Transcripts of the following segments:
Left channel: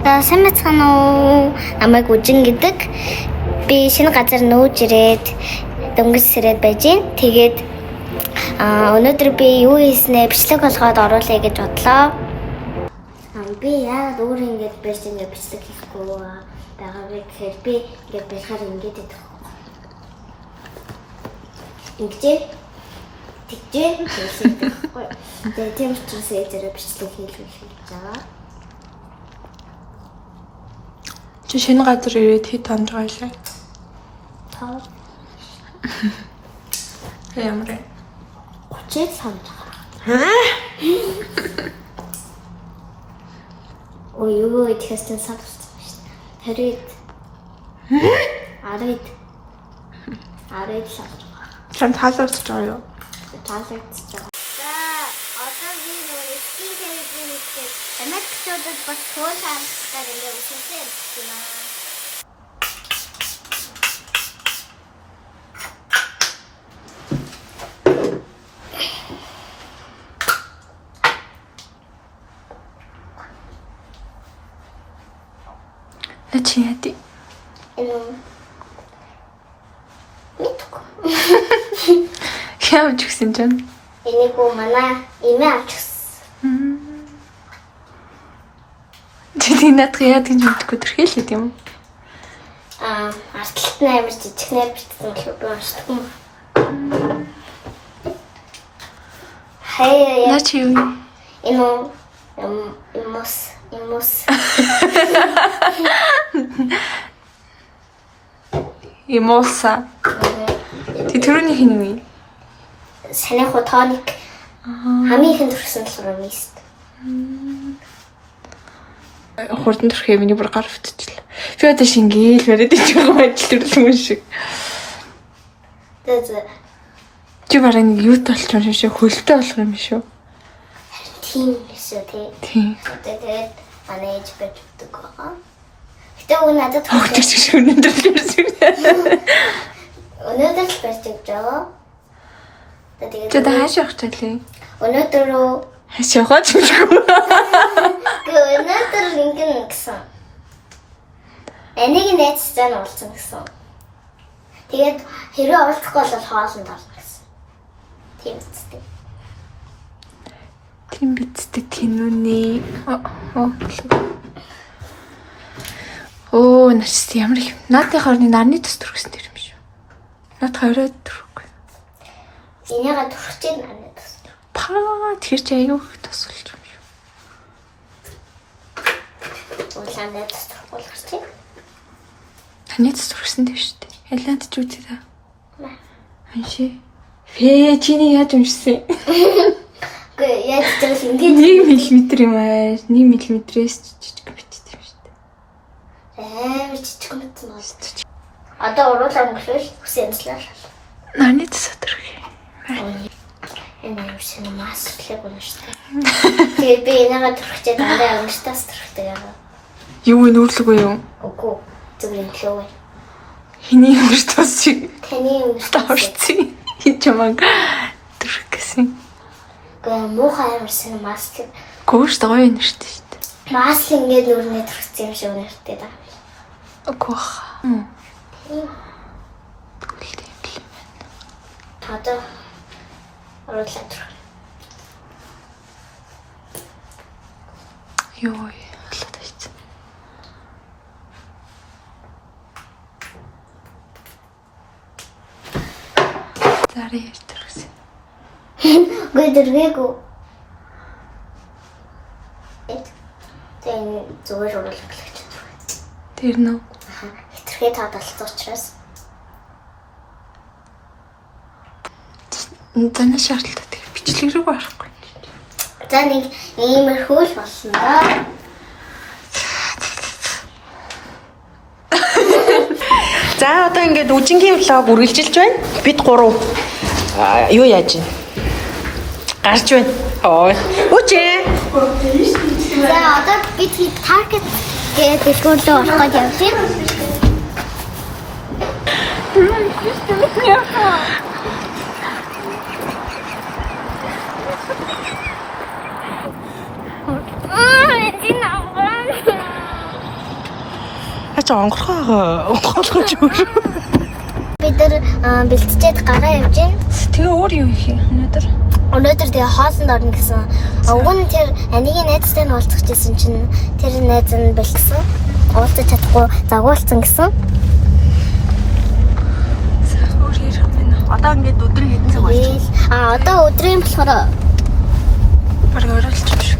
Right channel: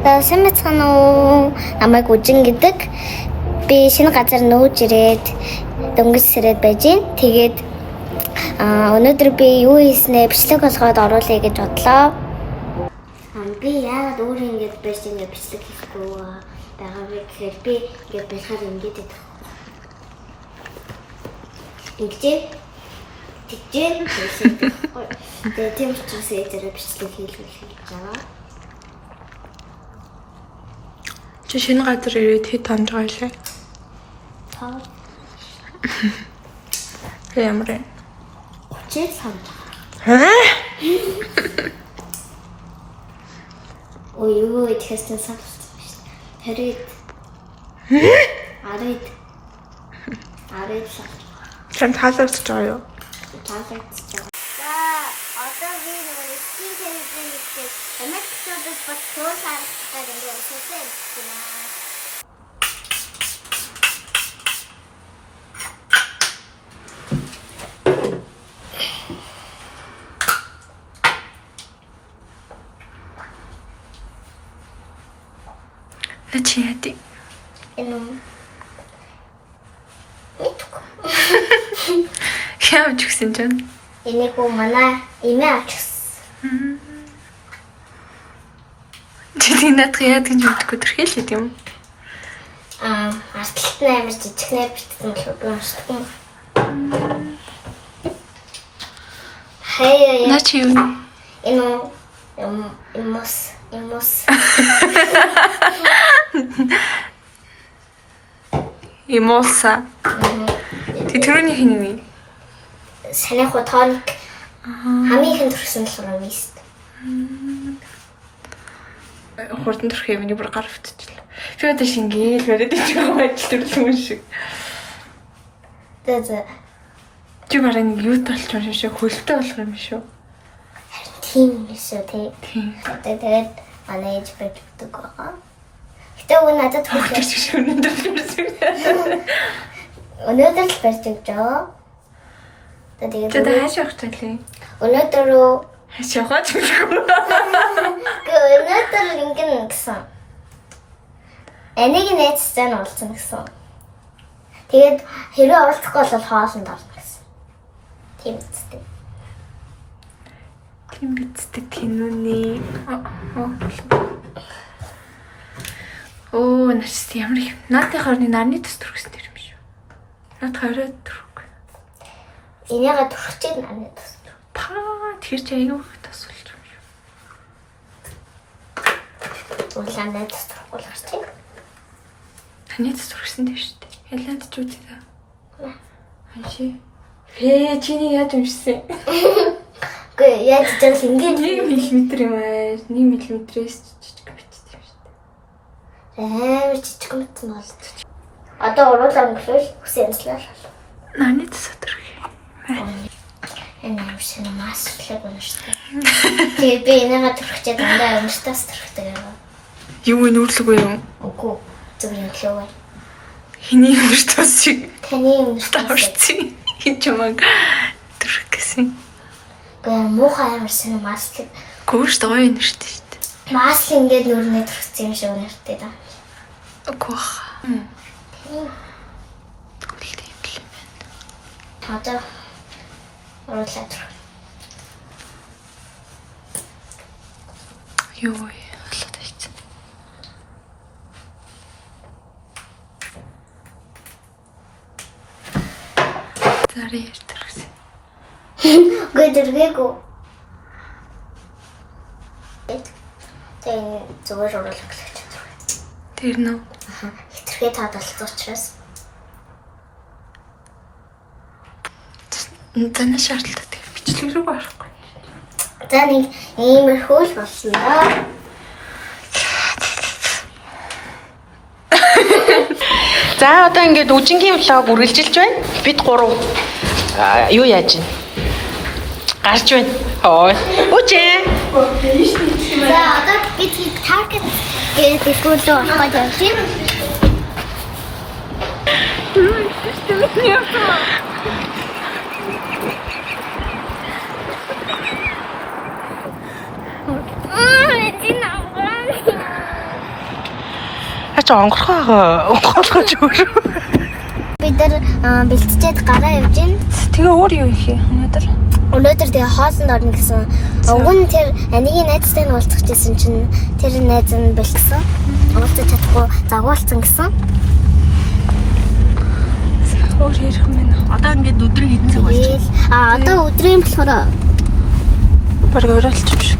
Сайн мэцхан уу? Намайг Үжин гэдэг. Би шинэ газар нүүж ирээд дөнгөж сэрээд байж гин. Тэгээд өнөөдөр би юу хийснэ бичлэг болгоод оруулъя гэж бодлоо. Би яагаад өөрөө ингэж байж ингэ бичлэг хийхгүй байгаа вэ гэхээр би ингэ байхаар ингэж идэх. Тэгжээ хийсэхгүй. Тэгээд тийм учраас ээжээрээ бичлэг хийлгэх гэж байгаа. Чи шинэ газар ирээд хэд хоног байлаа? Тав. Ямар? 30 санд. Ой юу идэхээс нь санагдсан шүү дээ. 10 санд. Сан таалагдж байгаа юу? Таалагдж байгаа. За одоо би нөгөө скин телевизэн хийх эмэгтэйчүүдэд бас туул харахгүй ингээ усуулсан юм байна. Чи яадаг? Явж гисэн чинь. Энийг манай эмээ авч гисэн. Чи надад яадаг юм гэдэггүй тэрхээлээ тийм үү? Артлт нь амар жижигнээр битсэн болов би уншдаг юм. Хаяа. Наа чи юу? Имос. Имоса. Тэрний хин санийх тоник хамгийн ихэнд төрсөн болохоор мист. Хурдан төрх юм бүр гар өвтчихлээ. Би одоо шингээл бариад ичгүй байдал төрлөн шиг. Тэгээд Чи бараг нэг юу толч юм шиг хөлтэй болох юм шүү. тийм эсвэл Тийм. тэгээд анаач бэждэг байгаа. Гэтэ уг надад Хөгжиж шиг өнөдөр ирсэн. өнөөдөр л бэждэг жаа. Тэгээд Чи хаашаа явах талээ? өнөөдөр Хаашаа явах ч юм. өнөөдөр ингэн гэсэн. Энийг нэцсэн уулзсан гэсэн. Тэгээд хэрэг уулзахгүй бол хоолнд орно гэсэн. Тийм үстэй. Тийм бицдэг киноны. Оо, нэс ямар их. Наадын хорны нарны тус төрсөн юм шүү. Наад 20 төрөг. Энийгээ төрчээд нарны тус. Тэр чи аюу их тус болж юм шүү. Улаанаа тус төрөх чи. Таны тус төрсөн дээ шүү дээ. Ялаад ч үгүй дээ. Ханши. Чиний яаж уншсан? Гүй яаж ч ингэ 1 мм юм аа. 1 мм-ээс жижиг бичсэн юм шүү дээ. амар жижиг мэт нь бол. Одоо уруулаа өнгөрөөл хүсэн янзлаа. Нарны тус төрөх. Энэ юмшин маслыг уншдаг. Тэгээд би энийгээ төрөхчээд дараа унштаас төрөхтэй байгаа. Юу нүүрлэгүй юу? Үгүй зүгээр юм лөө. Хиний өндөр тус шиг. Таны унштаа. Тавшцсан. Чамаг төрөх гэсэн. Гэ муухай амарсан маслыг. Гүүш гоё юм шүү дээ. Масл ингээд нүрнээ төрсөн юм шиг үнэртэй да. Үгүй бах. Одоо уруулаа төрөх. Юу болоод байцсан. Зарий төрсөн. Гэ дэргээгүү. Тэн зүгээр уруулах гэж. Тэр нөө. Хитрхээ таадалцсан учраас. Таны шаардлагатай бичлэг рүү гарахгүй. За нэг иймэрхүү л болсон да. За одоо ингээд үжингийн влог үргэлжилж байна. Бид 3 юу яаж байна? Гарч байна. Ой. Үжин. За одоо бид таргет гэдэг дэлгүүрдээ орох гэж явсан. ч онгорхоо онгоолгож өөр. Бид нар бэлтжээд гараа явж гин. Тэгээ өөр юу их юм өнөөдөр? Өнөөдөр тэгээ хоолнд орно гэсэн. Уг нь тэр анигийн найзтай нь уулзах гэсэн чинь тэр найз нь бэлтсэн. Уулзах чадахгүй загуулсан гэсэн. Өөр ирэх юм байна. Одоо ингээд өдөр хэцэг болж байна. Одоо өдрийн болохоор Бараг өрөөлчих.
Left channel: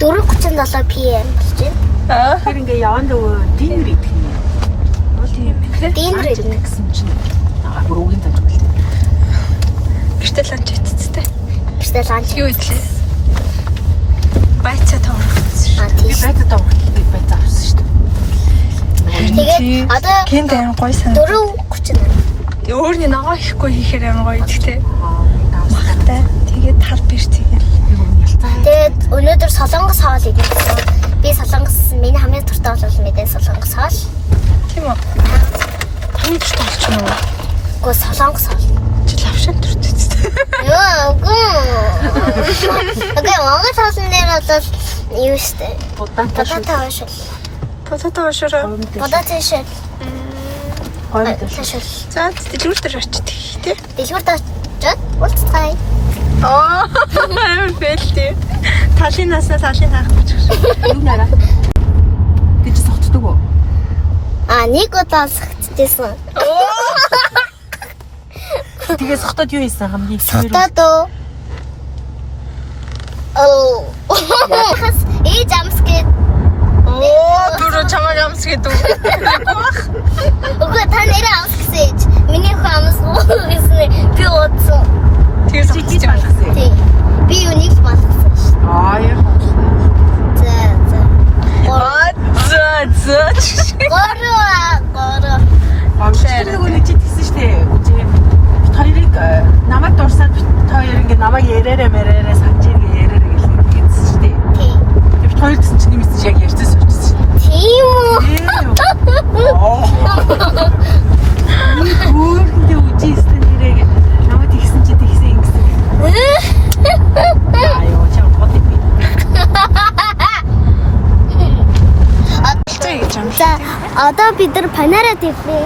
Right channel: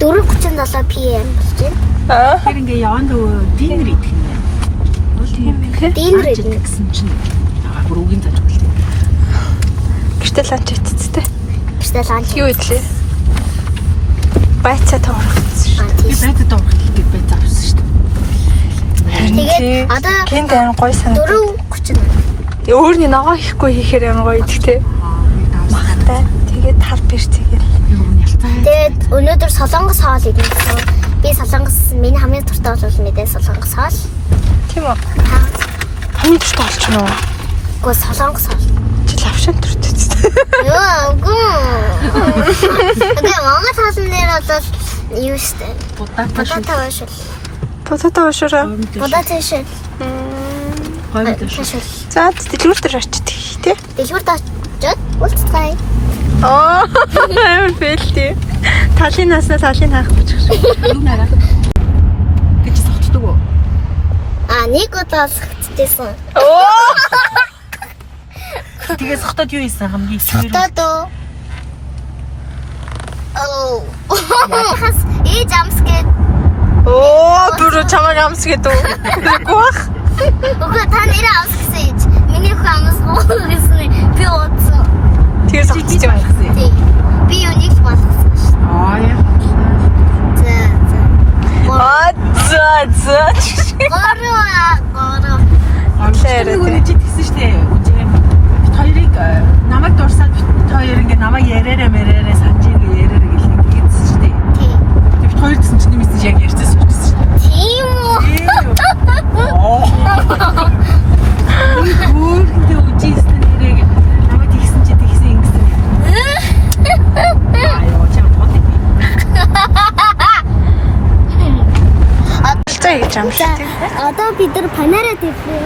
4:37 PM болж байна. Тэр ингээд яванд дийнэр идэх юм. Тийм ээ. Дийнэр идэх. Гэсэн чинь бүр үгийн зажиггүй. Гэртэл ланч ицтэй. Бистэ ланч. Юу идлээ? Байцаа тоорсон. Би байцаа доорх гэдэг байцаа авсан шүү дээ. Тэгээ одоо Кент айн гой санагдав. 4:30. Өөрний ногоо ихгүй хийхээр айн гоё идэх. Махтай. Тэгээд тал бэрч тэгэл. Тэгээд өнөөдөр солонгос хоол идэх гэсэн. Би солонгос миний хамгийн дуртай бол мэдээ солонгос хоол. Тийм үү? Таны дуртай болчихно уу? Гоо солонгос хоол. Лавшин дуртай. Яа, гоо. Окей, Монгол хоолн дээр бол юу штэ? Будаа шүү. Таашил. Потото шураа. Будаа таашил. Хойд шүү. Таашил. За дэлгүүр дээр очиж тий. Дэлгүүрт очиод уулзцай. Аа, амар фэлти. Талын наснаа талын хаах бичих. Юу нэраа? Гэж согтдог уу? Нэг удаа сагтдээсэн. Тэгээ согтод юу ийсэн хамгийн Сагтаад. Хас ээж амсгээд. Дөрөв чамаг амсгээд үү? Гуах. Үгүй та нэрээ амсгсэн ээж. Миний хөө амсгоо гэсэн. Би удсан. Тэгээ согтож байна. Би юуник болгосон шүү. яа. За. За. Гороо. Үнэ чи тийсэн шүү дээ. Үгүй. Хоёрыг намайг дурсаад хоёр ингээ намайг яраарэ мэрээрээ санаж ингээ яраарэ гэлээдсэн шүү дээ. Тэр хоёр гэсэн чинь нэмсэн яг ярьсан шүү дээ. Тийм үү? Өөрөндөө үжижсэн нэрээ намайг тэгсэн чи тэгсэн ингэсэн. Аюу чам бодъё. За гэж юм. За, одоо бид нар панера тавьлаа.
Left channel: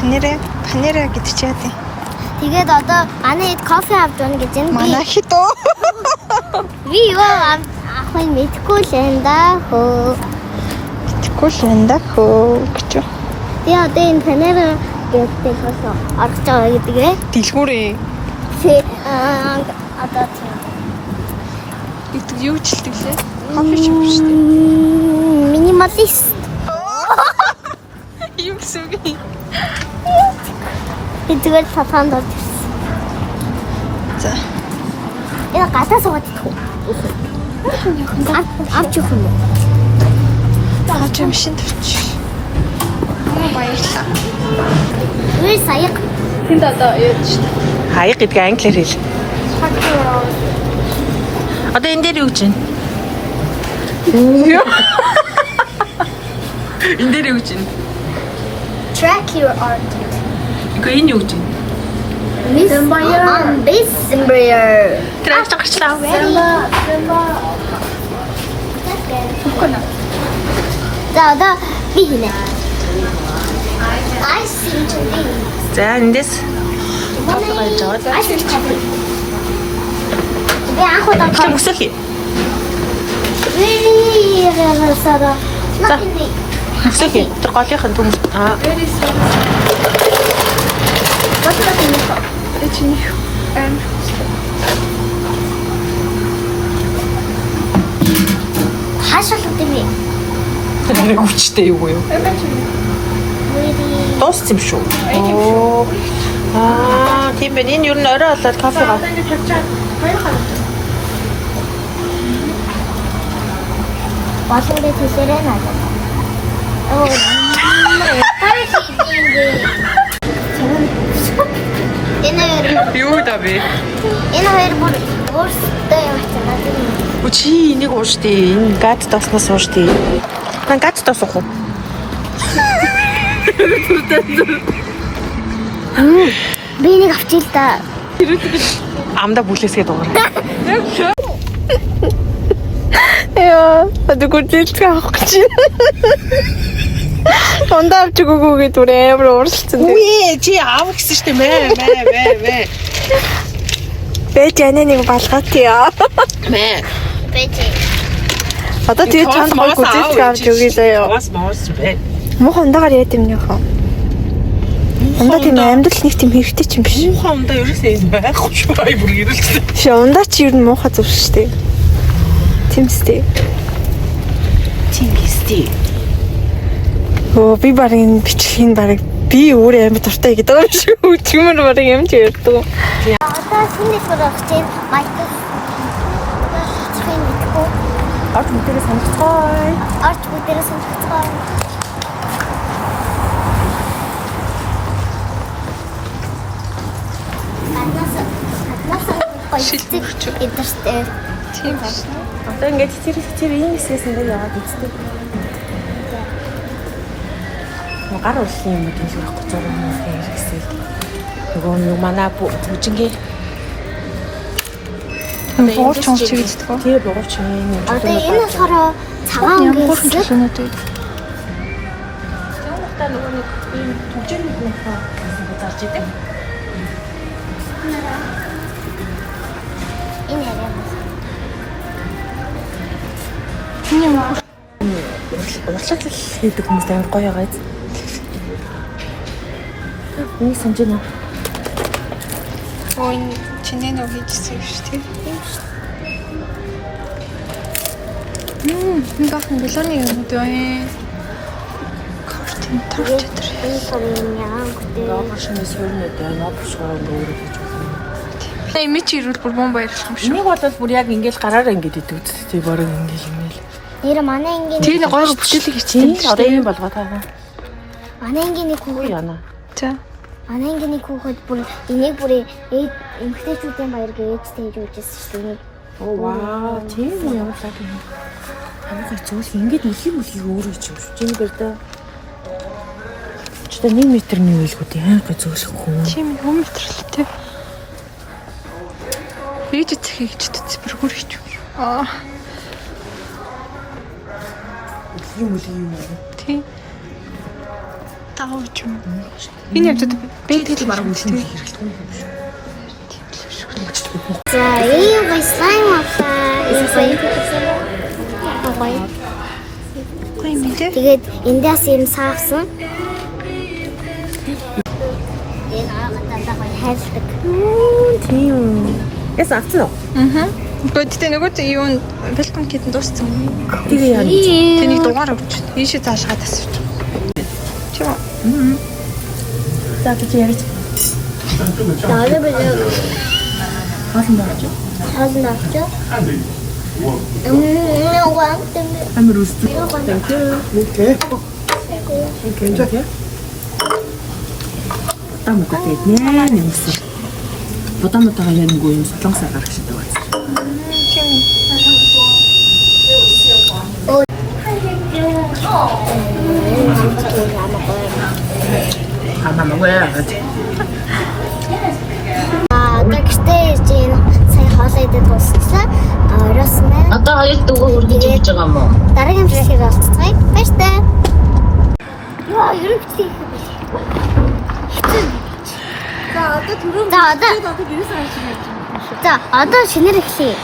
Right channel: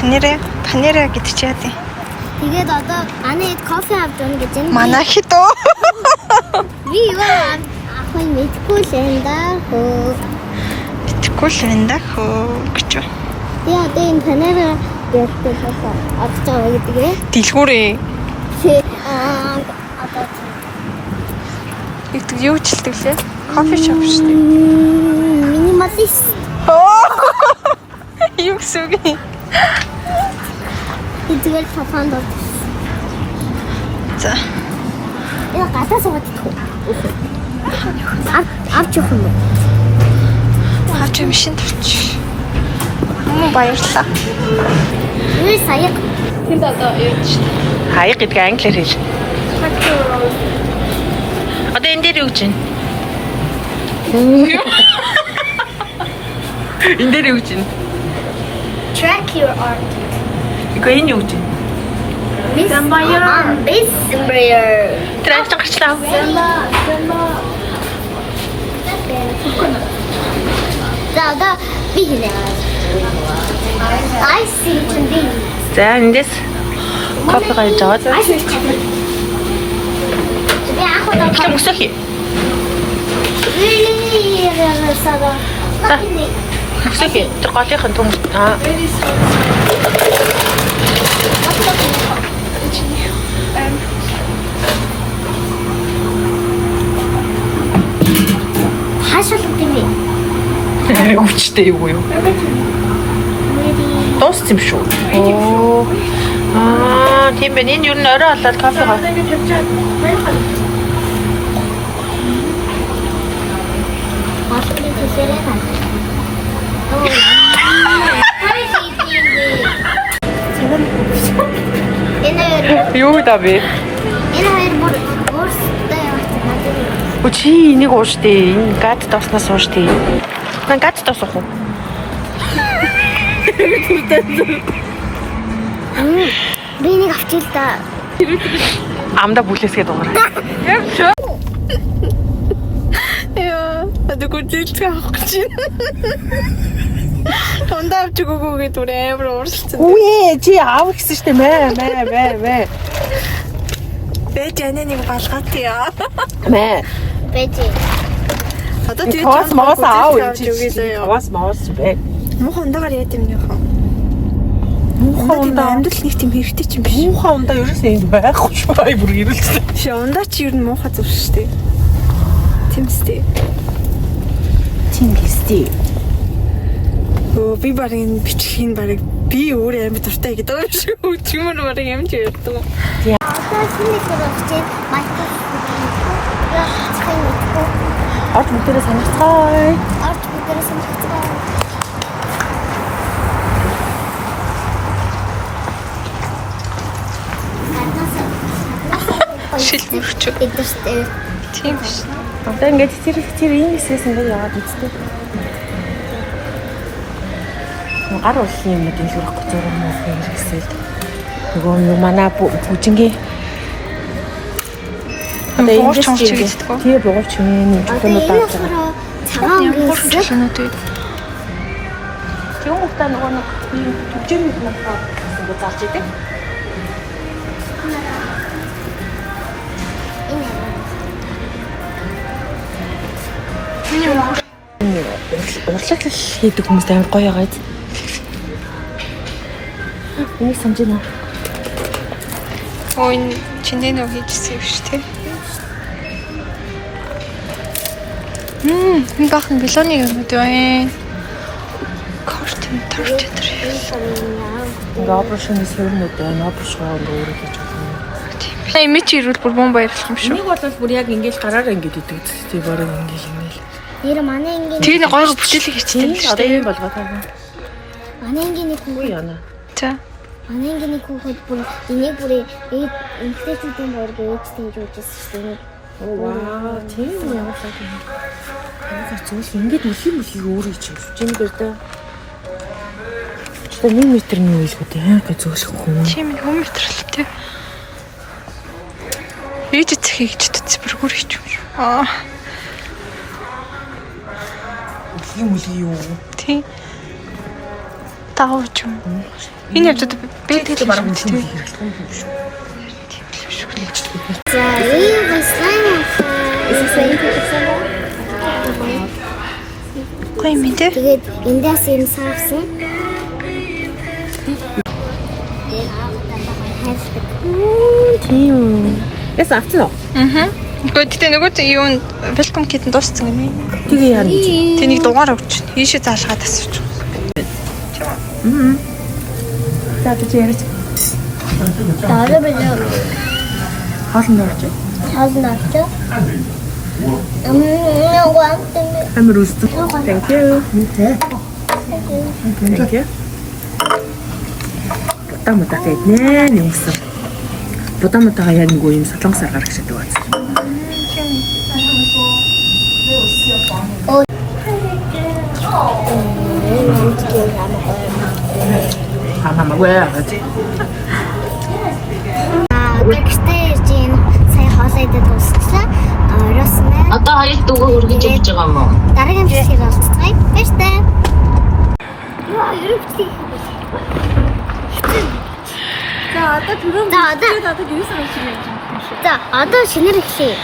Панера гэдэг чи яа тий. Тэгээд одоо манай хэд кофе авч байна гэж байна. Манайхид оо. Би юу авах вэ мэдгүй л энэ да хөө. Итгэхгүй л энэ да хөө гэж. Яа, одоо энэ панера гэдэг шоусоо авч байгаа гэдэг ээ. Дэлгүүрээ. Одоо Игдэг юу ч хэлдэг лээ. Кофе шоп шүү дээ. минималист. Юу гэсэн үг юм? Эдгээр цафаанд орж. За. Энэ гадаа суугаад идэх үү? Авч явах юм уу? Хаач юм шин тавч. Баярлалаа. Юу саяг? Тэнд одоо ээж шүү дээ. Хаяг гэдэг англиар хэл. Одоо энэ дээр юу гэж байна? Энэ дээр юу гэж байна? Track your art. Ико энэ юу гэж байна? Miss Embraer. Тэр ажиж гарчлаа. За одоо би хийнэ. I see. За эндээс кофе гайж аваад. Би анх удаа Чи мөсөх. За. Мөсөх. Тэр голынхын төмөр. Хашаа гэдэг юм. Өвчтэй юу юу? Тост юм шүү. Оо. Тийм байна. Энэ юу н орой болоод кофе гав. Балуурын төлөөрэй надад. Юу давэ? Энэ хоёр бүрстэй юм байна. Чи энийг ууш дээ. Энэ гад доснаас ууш дээ. Ман гад дос уух уу? Би нэг авчил та. Амда бүлээсгээ дуурай. 주세요. 누구 찔까 혹시? Ондоо авч өгөөгүй гэдэг амар ууралцсан. Үгүй чи аав гэсэн штэ мэ. Бэж ананыг балгаатъя. Мэ. Бэжи. Одоо тэгээд чамд маас авч өгье заяа. Маас бэ. Муухай ундаагаар яа дэмнийхөө. Ундаа тийм амьдрал нэг тийм хэрэгтэй ч юм биш. Муухай ундаа ерөөсөө энд байхгүй ч бай бүр ирэлцсэн. Ши ундаа чи ер нь муухай зүр шүү дээ. Тимстэй. Оо би барин бичлэгийн барыг би өөрөө амар дуртай гэдэг юм шиг өчмөр барыг юм чи ярьдаг. Одоо шинэ сурагч чинь майтас цахим мэдгүй. Орч мөтөрөө санацгаая. Орч бүгдээрээ сонирхцгаа. Шилмөрч. Эдэртэй. Тийм. Одоо ингээд тэр ийм эсээс ингээд яваад үзтээ. Гар уулын юм гэж хэлэх гэж байгаа юм хэрэгсэл. Нөгөө манай бүжингийн Бууч чонч гэдэг үү? Тэр бууч юм. Одоо энэ болохоор цагаан өнгөс. чөлөөнүүд. Тийм ухтаа нөгөө нэг бүжингийн хүмүүс зарж идэг. Энэ яриа. Урлаглал хийдэг хүмүүс амар гоё байгаа. Энийг санаж байна. Ой, чиний нөө хийжсэн юм шүү дээ. Энэ бахан галоны юмуд байна. Картин торч дээр. Энэ юм яа гэдэг. Робошны сүрнүүд байна. Робошгоо өөрөө гэж байна. Имиж ирүүл бүр бом баярлах юм шүү. Энийг бол бүр яг ингээл гараараа ингээд идэг. Тэг барыг ингээл. Нэр манай ингийн Тэгээ гойго бүтээлэг хийчихсэн л шүү дээ. Болгоо таагаа. манай ингийн нэг хүүхэд Яна. За. манай ингийн нэг хүүхэд бүр энийг бүр эмгтээчүүдийн баяр гэж тэгж үжсэн шүү дээ. Ваа, тийм үү. Аа зөвл ингээд үлхий өөрөө чинь. Чиний бэрдэ. Чи 1 метрний үйлгүүд яагаад зөвлөх хүн. Тийм юм метрлээ тий. Ээж цэхийг ч төц бүр хүрч юм шүү. Үлхий мүлий юу? Тий. Таавч юм. Энэ явдад бэтэл марган тий. За ийм байсан Гой мэдээ. тэгээд эндээс юм саавсан. Тэгээд аавтаа хайрладаг. Тийм. Яс авцсан уу? Гэхдээ нөгөө юу welcome kit-эн дууссан гэнэ. Тэгээ яа. Тэнийг дугаар өгч. Ийшээ заалгаад асууж. Тийм үү? За би ярьж. Дөрөв бэлээ. Хаалт орж. Хаалт орж. Амар үстэ. Thank you. Okay. Тамата гэднэ нэмсэн. Бодамтайгаа яг нэг юм солонгосоор гарах шиг байна. Амаа гэж. Тэгтээ чинь сая хоолой идэж дуусчихлаа. Оросмэ. Одоо хоёр дүүгээ хүргэж өгч байгаа юм уу? Дараагийн бичлэгийг олцгаая. Баяртай. Яа, ерөөхдөө. За одоо гэрээс авах юм. За одоо шинээр эхлэе.